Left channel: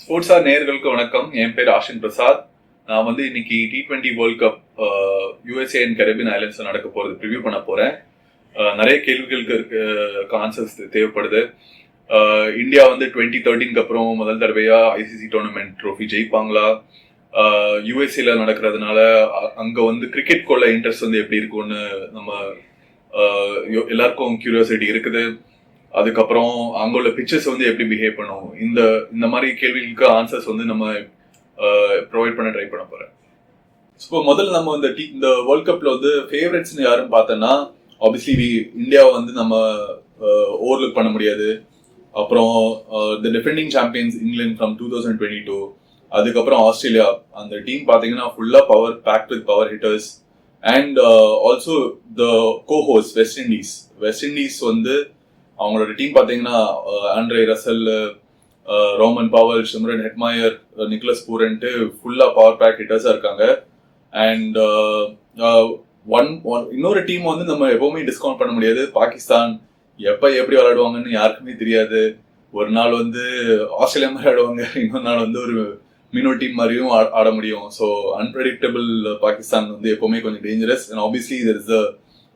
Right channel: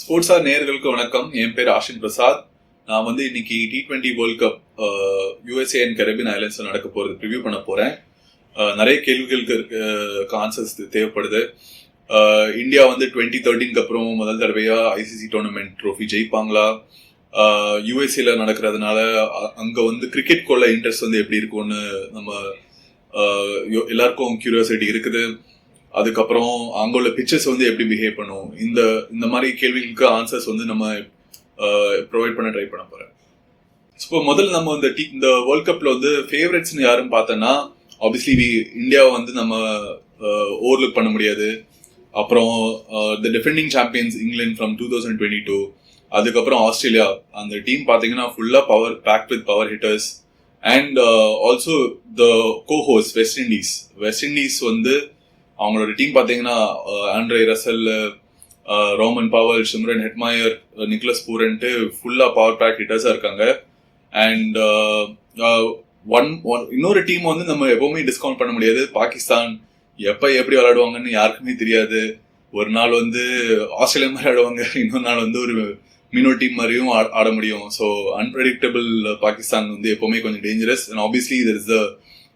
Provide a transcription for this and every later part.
ஸ்போர்ட்ஸா நேயர்களுக்கு வணக்கம். என் பேர் ஆஷின் பிரசாத். நான் இன்னைக்கு T20 world cup USA and Caribbean ஐலண்ட்ஸ்ல நடக்க போறது ப்ரிவியூ பண்ண போறேன். நிறைய கேள்விகளுக்கு ஆன்சர்ஸ் தேவைப்படுது. இந்தியா 2013க்கு அப்புறம் முதல் தடவையா ஐசிசி டோர்னமெண்ட் ட்ரோஃபி ஜெயிப்பாங்களா? யூஎஸ்ஏல நடக்கிறதுனால அங்க கிரிக்கெட் கொள்ள இன்ட்ரெஸ்ட் எப்படி இருக்கும்னு நம்ம எல்லாருக்கும் கியூரியாசிட்டி இருக்குது. அதுக்கப்புறம் அங்க உள்ள பிக்சர்ஸ் எப்படி பிஹேவ் பண்ணும், இந்த மாதிரி கேள்விகளுக்கு ஆன்சர்ஸ் நம்ம ப்ரொவைட் பண்ண ட்ரை பண்ண போறேன். இப்போ முதல்ல நம்ம இந்த வேர்ல்ட் கப்ல ஃபேவரட்ஸ்னு யாரும் பார்த்தோம்னா ஆப்வியஸ்லி இந்தியாவை நம்ம ஓவர்லுக் பண்ண முடியாது. அப்புறம் the defending champions England from 2022, அதுக்கப்புறம் ஆஸ்திரேலியா. அந்த டீம் பாத்தீங்கன்னா ஃபுல்லா power packed with power hitters. And also the cohosts West Indies அவங்களோட டீம் பாத்தீங்கன்னா Andre Russell, Rovman Powell, Shimron Hetmyer, Nicholas பூரன்ட்டு ஃபுல்லா பவர் பேக் ஹிட்டர்ஸா இருக்காங்க. அண்ட் இன்னொரு டீம் நம்ம எப்பவுமே டிஸ்கவுண்ட் பண்ண முடியாது. பாகிஸ்தான் எப்படி விளையாடுவாங்கன்னு யாருக்குமே தெரியாது. ஒரு நாள் ஆஸ்திரேலியா மாதிரி ஆடுவாங்க, இன்னொரு நாள் ஒரு மினோ டீம் மாதிரியும் ஆட முடியும். ஸோ அன்பிரடிக்டபிள் பாகிஸ்தான் எப்பவுமே கொஞ்சம் dangerous. And obviously there is the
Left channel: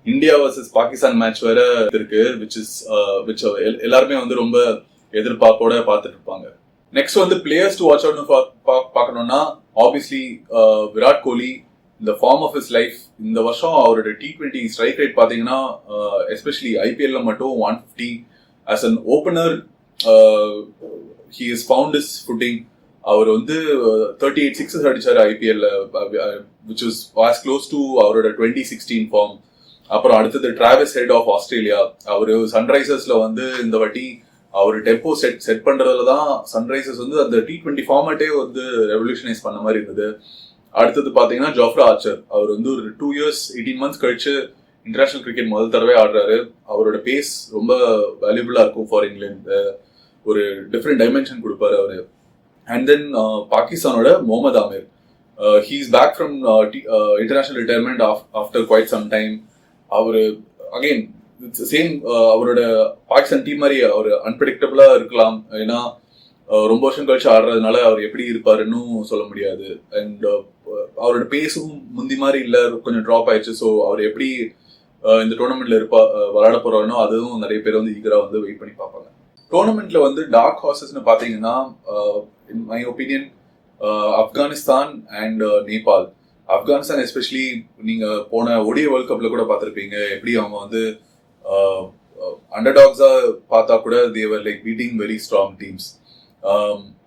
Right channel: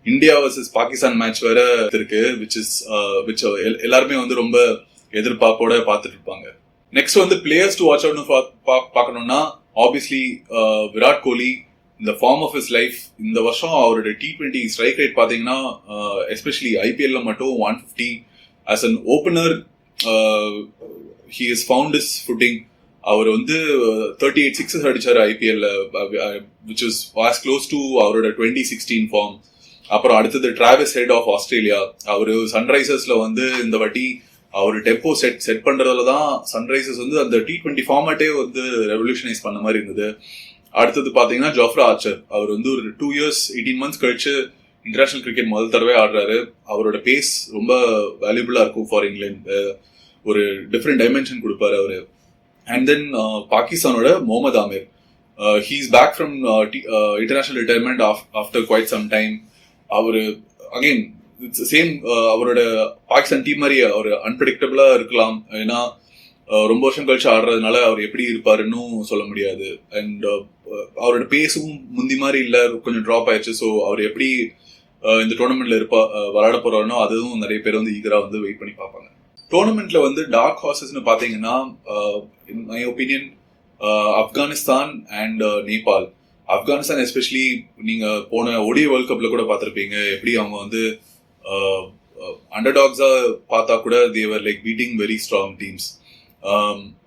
India versus Pakistan match வேற இருக்கு, which எல்லாருமே ரொம்ப எதிர்பார்ப்போட பார்த்துட்டு இருப்பாங்க. நெக்ஸ்ட் பிளேயர்ஸ் டு வாட்ச் அவுட்னு பார்க்கணும்னா ஆப்வியஸ்லி விராட் கோலி, இந்த ஃபார்ம் ஆஃப் ஹிஸ் லைஃப். இந்த வருஷம் அவரோட T20 ஸ்ட்ரைக் ரேட் பாத்தீங்கன்னா எஸ்பெஷலி IPL மட்டும் 150. As an opener he has found his footing. அவர் 38 சிக்ஸஸ் அடிச்சாரு IPL, which was as close to அவரோட 2016 ஃபார்ம். அப்புறம் அடுத்தது டிராவிஸ் ஹெட் ஆஃப் ஆஸ்திரேலியா. அவரு சன்ரைசர்ஸ்ல இந்த வாட்டி அவரு டெம்போ செட் பண்றதுலதான் சன்ரைசர்ஸ் அந்த T20 ஃபார்மேட்டே ரெவல்யூஷனைஸ் பண்ண மாதிரி இருந்தது. அடுத்தது பாத்தீங்கன்னா ஜோஃப்ரா ஆர்ச்சர். அவர் ஒரு 2 years 18 months கழிச்சு இன்டர்நேஷனல் கிரிக்கெட் முதல் தடவை ஆடுறாரு. அவரோட பேஸ் ரொம்ப வேல்யூபிளா இருக்கும் ஃபார் இங்கிலாந்து. ஒரு டிஃப்ரெண்ட் டைமென்ஷன் கொடுப்பாரு அவரு. அண்ட் தென் பாகிஸ்தானோட Mohammad Amir, he is back from international retirement after quite some time. அவரு அகைன் சேம் அவரோட பாகிஸ்தான் டீம் மாதிரி அவர் அன்பிரடிக்டபிளா இருக்கலாம். ஏன்னா ரொம்ப வருஷம் கழிச்சு ஆடுறதுனால அவர் எப்படி இருப்பாருன்னு சொல்ல முடியாது. அண்ட் அவரோட பேஸும் முந்தி மாதிரி இல்ல, கொஞ்சம் ட்ராப் ஆயிடுச்சு. ஸோ அவர் எப்படி இந்த டோர்னமெண்ட்ல விளையாட போறாருனோ அதுவும் நிறைய பேர் ஈகரா வெயிட் பண்ணி பார்ப்பாங்க. டோர்னமெண்ட்ல டார்க் ஹார்சஸ்னு பாத்தீங்கன்னா in my opinion Afghanistan and Nepal. Afghanistan especially நீங்க போன ஒடிய வேர்ல்ட் கப்ல கூட பார்த்திருப்பீங்க, எப்படி அவங்க அண்டர்டாக்ஸா பார்த்தா கூட they're like beating very strong teams.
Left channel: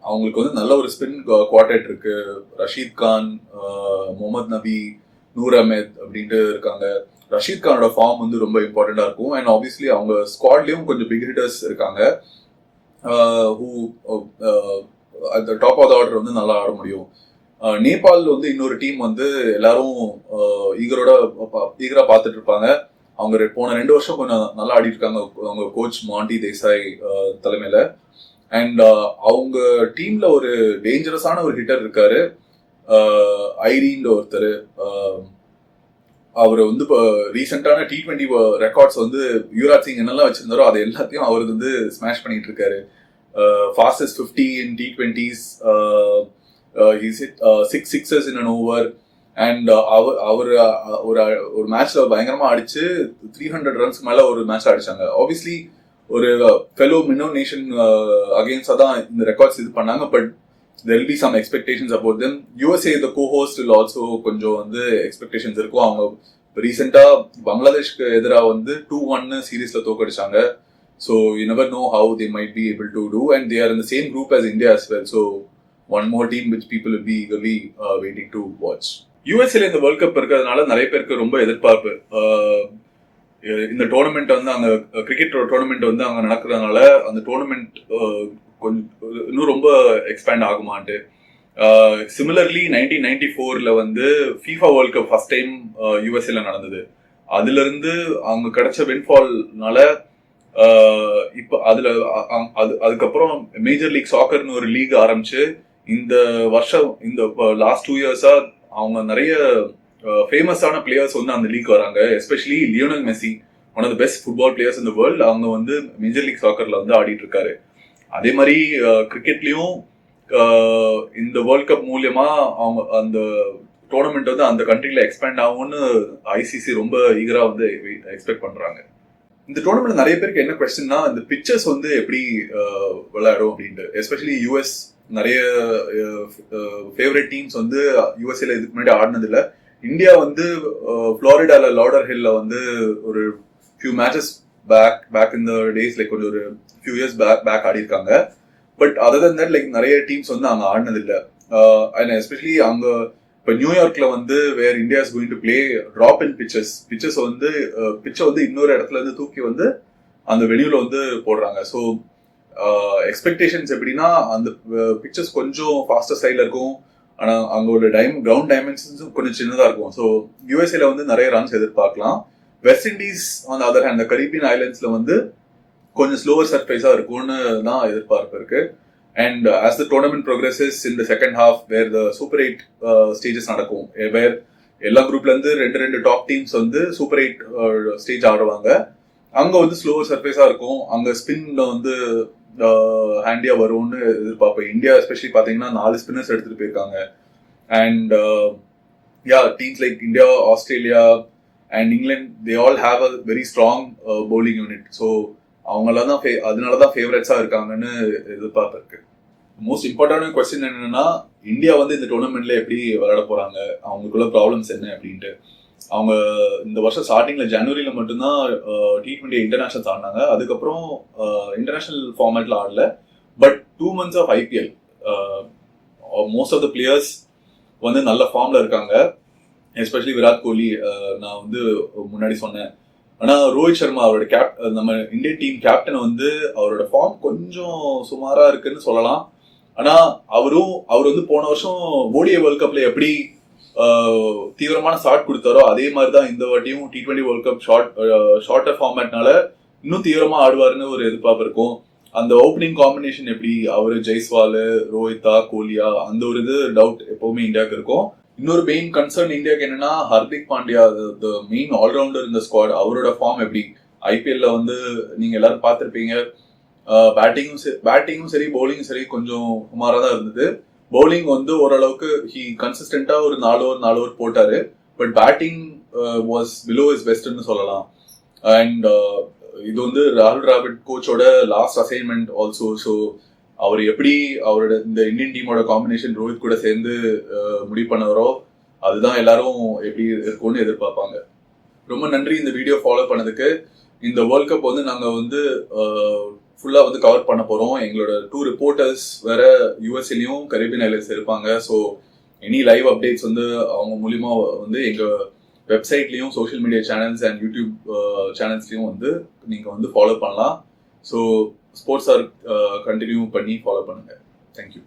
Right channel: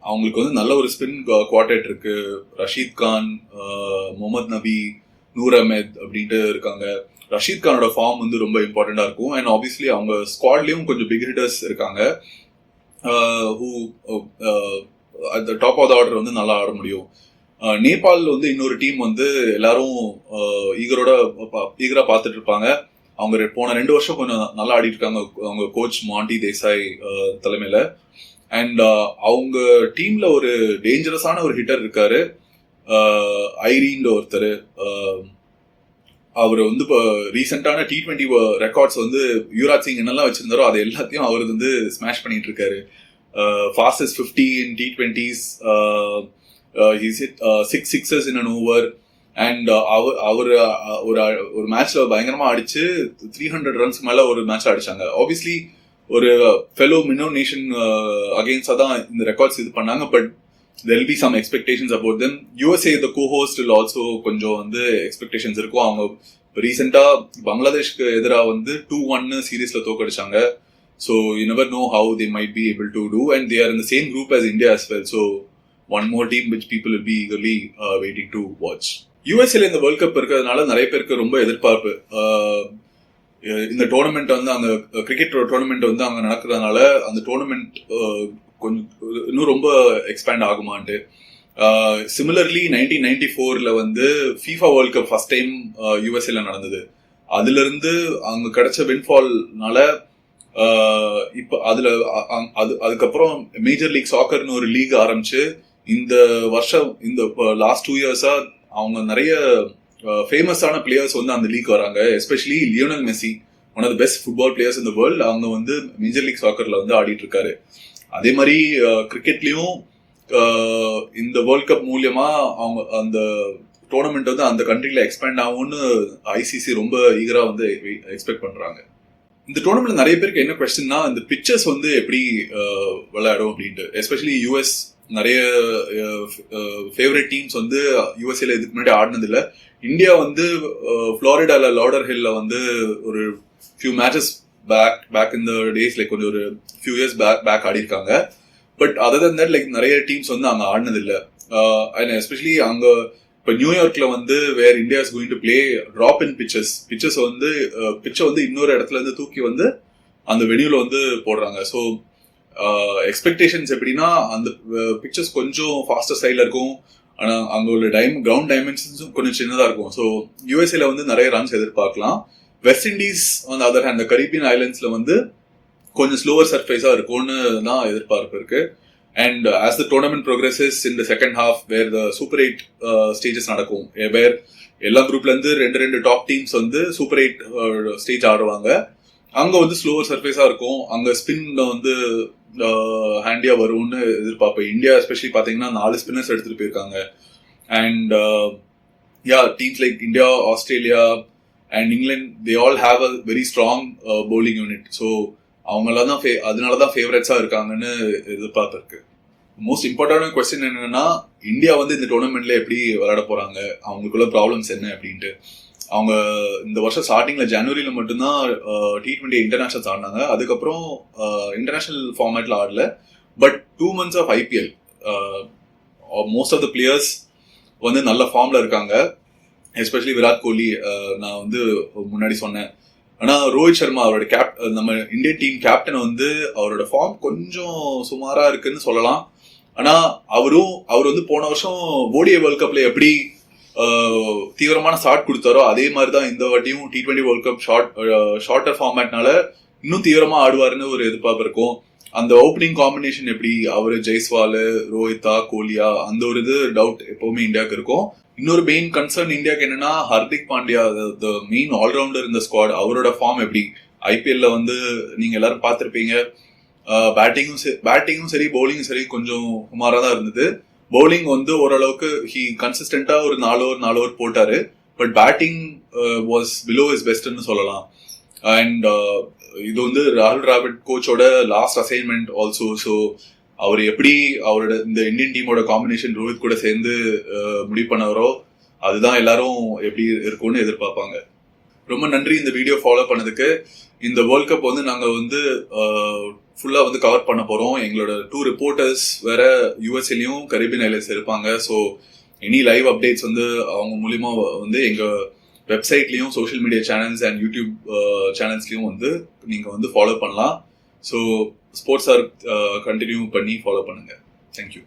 அவங்களுக்கு நல்ல ஒரு ஸ்பின் குவார்டெட் இருக்கு. ரஷீத் கான், முகமது நபி, நூர் அஹ்மத் அப்படின்ட்டு இருக்காங்க. ரஷீத் கானோட ஃபார்ம் ரொம்ப இம்பார்ட்டண்டா இருக்கும். அண்ட் ஆப்வியஸ்லி அவங்க ஸ்குவாட்லயும் கொஞ்சம் பிக் ஹிட்டர்ஸ் இருக்காங்க. அந்த டாப் ஆஃப் த ஆர்டர் நல்லா ஆட முடியும். நேபாள் இன்னொரு டீம் எல்லாரும் ஈகரா பார்த்துட்டு இருப்பாங்க. அவங்க போன 2 வருஷம் கொஞ்சம் நல்லா ஆடிட்டு இருக்காங்க அவங்க கோச் மாண்டி தேசாய் தலைமையில. அண்ட் அவங்க டீம்ல ஒரு டேஞ்சரஸான ஒரு ஹிட்டர் இருக்காரு, ஐரீன் ஒருத்தர். அவர் இப்போ ரீசெண்டான T20 ரெக்கார்ட்ஸ் யுவராஜ் சிங் என்னெல்லாம் வச்சிருந்தாரோ அது எல்லாத்தையும் அவர் ஸ்மாஷ் பண்ணிட்டு இருக்காரு. Fastest 50 in T20s. He's hit 6 sixes in an over. And அவர் ஒரு மேட்ச்ல பயங்கரமா அடிச்சு 300 runs மேல ஒரு மேட்ச் அடிச்சாங்க. ஆப்வியஸ்லி ஒரு ஃபெலோ மினோ நேஷன் அகெயின்ஸ்டா தான் இந்த ரெக்கார்ட்ஸ் இது பண்ணாங்க. But there will be some expectations about them. USA the co-host will also கொஞ்சம் எக்ஸ்பெக்டேஷன்ஸ் இருக்கும். அவங்க ரீசெண்டா பங்களாதேஷ்க்கு எதிராக 2-1 சீரீஸ்ல தோக்கடிச்சாங்க. So you never know how they might be able to do, and they are in the same group as India as well. So one more team which people will be eagerly waiting to watch. USA இந்த world cup இருக்கிறதுனால நிறைய பேருக்கு ரொம்ப எதிர்பார்ப்பு. இந்த tournament அந்த cricket tournament அங்க நடக்கிறதுனால அந்த டோர்னமெண்ட் கொஞ்சம் இன்னும் ரொம்ப எக்ஸ்பேண்ட் ஆகுமான்ட்டு. சிமிலர்லி 1994ல FIFA world cup first time யூஎஸ்ஏல நடந்தது. அதுல இருந்து அவங்க கிடைச்ச வின்ஃபால்னால இப்போ அதுக்கப்புறம் மேஜர் லீக் சாக்கர்னு ஒரு லீக் ஆரம்பிச்சு இந்த வருஷம் இந்த லாஸ்ட் 2 years அவங்க நிறைய ஃபேமஸான பிளேயர்ஸ் அந்த லீக் வராங்க. Especially Lionel Messi, one of the best football players இந்த வேர்ல்ட். அவங்க மேஜர் லீக் சாக்கர்ல ஆடிட்டு இருக்காரு. அதே மாதிரி கிரிக்கெட்லயும் இந்த வேர்ல்ட் கப் மூலியமா அவங்க அந்த டோர்னமெண்ட் வந்து அந்த கண்ட்ரில எக்ஸ்பேண்ட் ஆகும்னு ஐசிசி ரொம்ப ஈகரா வந்து எக்ஸ்பெக்ட் பண்றாங்க. இந்த டோர்னமெண்ட் நிறைய பேருக்கு என்ன கொஸ்டின்னா, இந்த பிச்சர்ஸ் வந்து எப்படி விளையாடும் அப்படின்ட்டு. எஸ்பெஷலி யூஎஸ் நிறைய ஃபேவரட் டீம்ஸ் வந்து யூஎஸ்ஏல இதுக்கு முன்னாடி ஆடினது இல்லை. இந்தியா வந்து ஃப்ளோரிடால லாடர் ஹில்ல வந்து ஒரு few matches back in the days like ஒரு ஃபியூ இயர்ஸ் பேக் ஆடி இருக்காங்க. But other than that like நிறைய டீம்ஸ் வந்து அங்கே ஆடினது இல்லை. அண்ட் எஸ்பெஷலி அங்கே இப்போ நியூயார்க்ல வந்து where India is going to play drop in pitches வந்து பிச்சை வந்து இன்னொரு இடத்துல இருந்து தூக்கி வந்து அந்த வெனியூல வந்து போடுறாங்க. ஸோ எக்ஸ்பெக்டேஷன்ஸ் எப்படின்னா அந்த பிச்சர்ஸ் கொஞ்சம் ஃபாஸ்டர் ஸ்டைல இருக்கும். ஆனால் அங்கே உள்ள கிரவுண்ட் டைமென்ஷன்ஸும் கொஞ்சம் சின்னதாக இருக்கும். ஸோ யூஎஸ்ஏல வந்து நிறைய ரன்ஸ் எதிர்பார்க்கலாம். West Indies on other hand, இந்த கரீபியன் ஐலண்ட்ஸ்ல வந்து கொஞ்சம் ஸ்லோவர் சர்ஃபேஸா இருக்கும்னு தான் எதிர்பார்ப்பு இருக்கு. And as the tournament progresses in the second half, where the Super 8 stages நடக்கும், where எல்லா குரூப்ல இருந்து ரெண்டு டாப் டீம்ஸ் வந்து சூப்பர் 8 ஸ்டேஜ் ஆடுவாங்க. அங்க வந்து ஸ்லோவர் சர்ஃபேஸா இருக்கும். அங்க ஸ்பின்ல வந்து ஹேண்டியா வரும்னு எதிர்பார்ப்பேன். இந்தியா எஸ்பெஷலி பாத்தீங்கன்னா 4 ஸ்பின்னர்ஸ் எடுத்துட்டு போயிருக்காங்க. And teams like India, Australia and England, they all have a very strong bowling unit. So அவங்களாதான் அதனாலதான் ஃபேவரட்ஸா இருக்காங்கன்னு எதிர்பார்த்திருக்கு. மோஸ்ட் இம்பார்ட்டன்டான கொஸ்டின் என்னன்னா, இந்தியா வந்து இந்த டோர்னமெண்ட்ல எப்படி விளையாட போறாங்க, அவங்களுக்குள்ள ப்ராப்ளம்ஸ் என்ன அப்படின்ட்டு. அவங்க இந்த வருஷம் ஸ்டார்டிங்ல ஜனவரியில மட்டும்தான் T20 இன்டர்நேஷனல்ஸ் ஆடினாங்க. அதுக்கப்புறம் இன்டர்நேஷனல் ஃபார்மேட்ல ஆடல. But 2 months of IPL most of the players வந்து நல்ல ஃபார்ம்ல இருக்காங்க. எஸ்பெஷலி விராட் கோலி நான் வந்து முன்னாடி சொன்னேன். ஆனா ரோஹித் சர்மா அவரோட நம்ம இந்தியன் டீம் கேப்டன் வந்து அவரோட ஃபார்ம் கொஞ்சம் சுமாரா இருக்குன்னு சொல்லலாம். ஆனா அவர் வந்து போன வருஷம் ODI வேர்ல்ட் கப்ல எப்படி தீவிரமான ஸ்டார்ட் கொடுத்தாரோ அதே மாதிரிதான் இந்த வாட்டியும் T20 வேர்ல்ட் கப் ஷார்ட்டர் ஃபார்மேட்னால இன்னும் தீவிரமா ஆடுவாருன்னு ஒரு எதிர்பார்ப்பு இருக்கும். அந்த ஓப்பனிங் காம்பினேஷன் எப்படி அவரு ஜெய்ஸ்வால், ரோஹிதா, கோலியா, அந்த ஒரு இது டவுட் எப்பவுமே இந்தியாவுக்கு இருக்கும். இன்னொரு மெயின் கன்சர்ன் இந்தியாவுக்கு என்னன்னா, Hardik Pandya, the main allrounder இந்த ஸ்குவாட், அவரோட ஃபார்ம் எப்படி. IPLல வந்து நீங்க எல்லாரும் பார்த்திருப்பீங்க, பேட்டிங்கும் சரி பவுலிங்கும் சரி கொஞ்சம் சுமாரா தான் இருந்தது. பவுலிங் வந்து ஓரளவுக்கு கன்சிஸ்டன்டா ஒரு 4 ஓவர் போட்டாரு. But batting was below his பெஸ்ட்னு சொல்லலாம். அண்ட் இது வந்து ராகுல் டிராவிட் கோச்சோட லாஸ்ட் அசைன்மெண்ட் ஆல்சோ. ஸோ அவர் எப்படி அவரோட இந்த இந்தியன் டீமோட காம்பினேஷன் ரோஹித் கூட சேர்ந்து முடிவு பண்ணவரோ அதுதான் எல்லாரும் எப்படி இருக்கும்னு எதிர்பார்ப்பாங்க. ரொம்ப நன்றி இந்த வீடியோ ஃபாலோ பண்ணதுக்கு. இந்த வேர்ல்ட் கப் வந்து நாங்க வந்து ஃபுல்லா வந்து கவர் பண்ண போறோம். எங்களோட 2 ரிப்போர்ட்டர்ஸ் வேற யூஎஸ்ஏலயும் கரீபியன் ஐலண்ட்ஸ் இருப்பாங்க. ஸோ எனி லைவ் அப்டேட்ஸ் வந்து அவங்க மூலியமா வந்து எங்க வெப்சைட்லயும் social media channels and YouTube சேனல்ஸ்லயும் வந்து நீங்க வந்து ஃபாலோ பண்ணலாம். ஸோ ஸ்போர்ட்ஸ் கண்டினியூ பண்ணி ஃபாலோ பண்ணுங்க. தேங்க்யூ.